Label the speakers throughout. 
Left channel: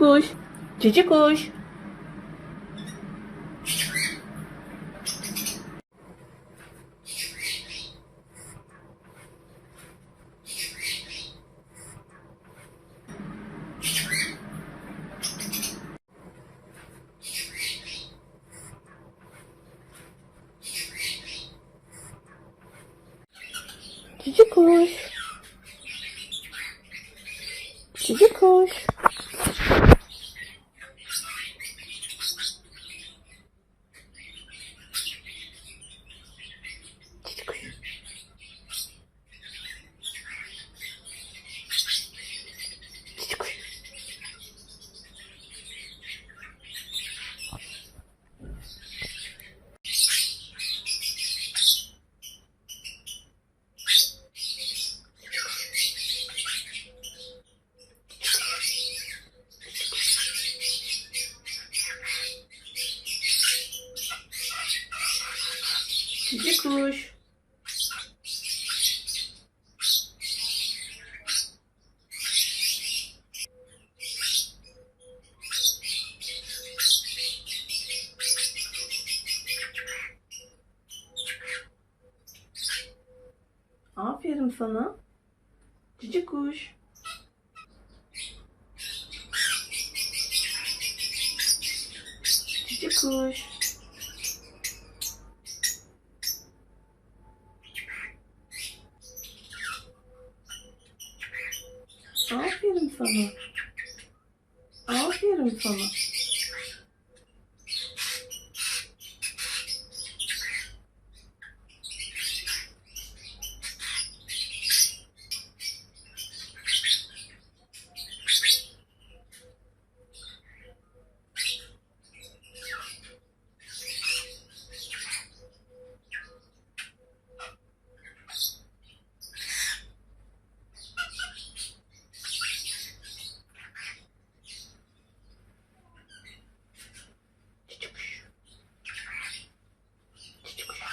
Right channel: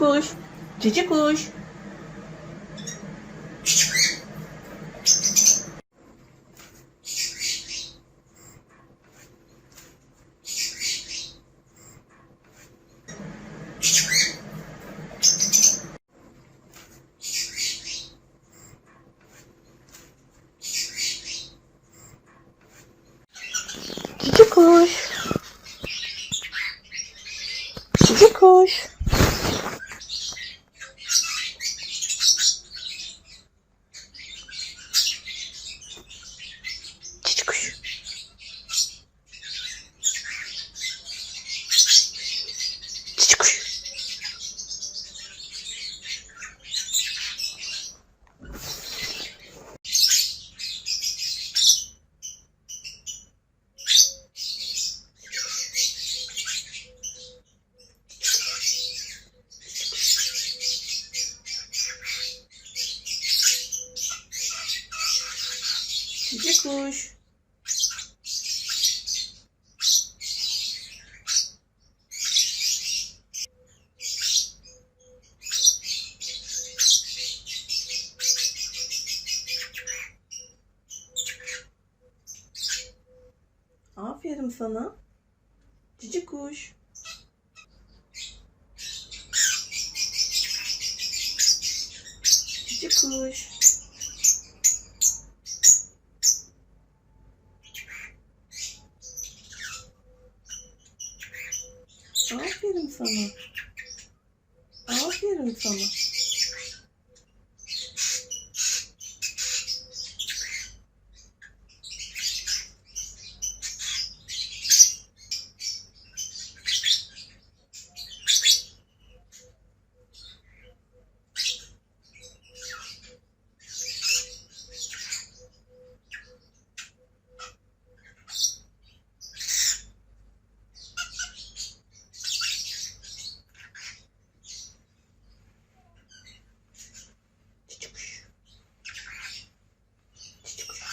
Speaker 1: Cici kuş. Cici kuş. Cici kuş. Cici kuş. Cici kuş. Cici kuş. Cici kuş. Aferin sana. Cici kuş. Cici kuş. Aferin sana. Aferin sana. Cici kuş. Cici kuş.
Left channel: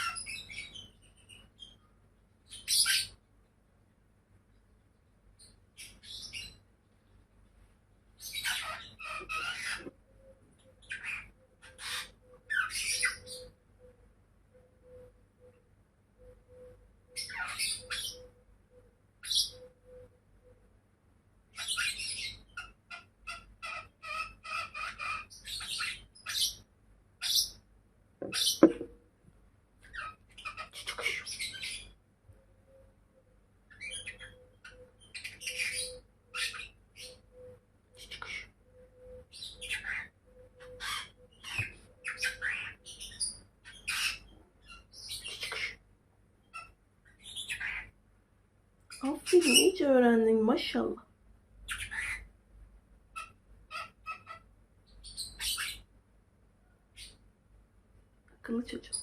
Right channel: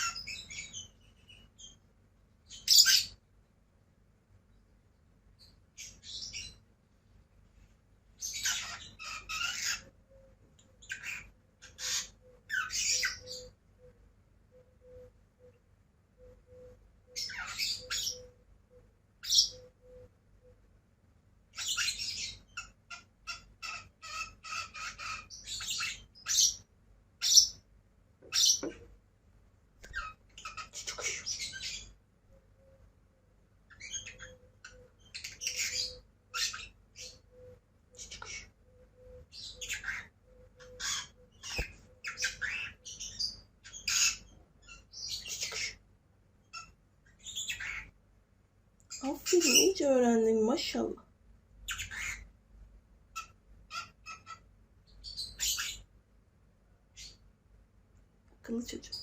Speaker 1: Cici kuş. Cici kuş. Cici kuş. Aferin iyice öğrendin maşallah. Akıllı çocuk.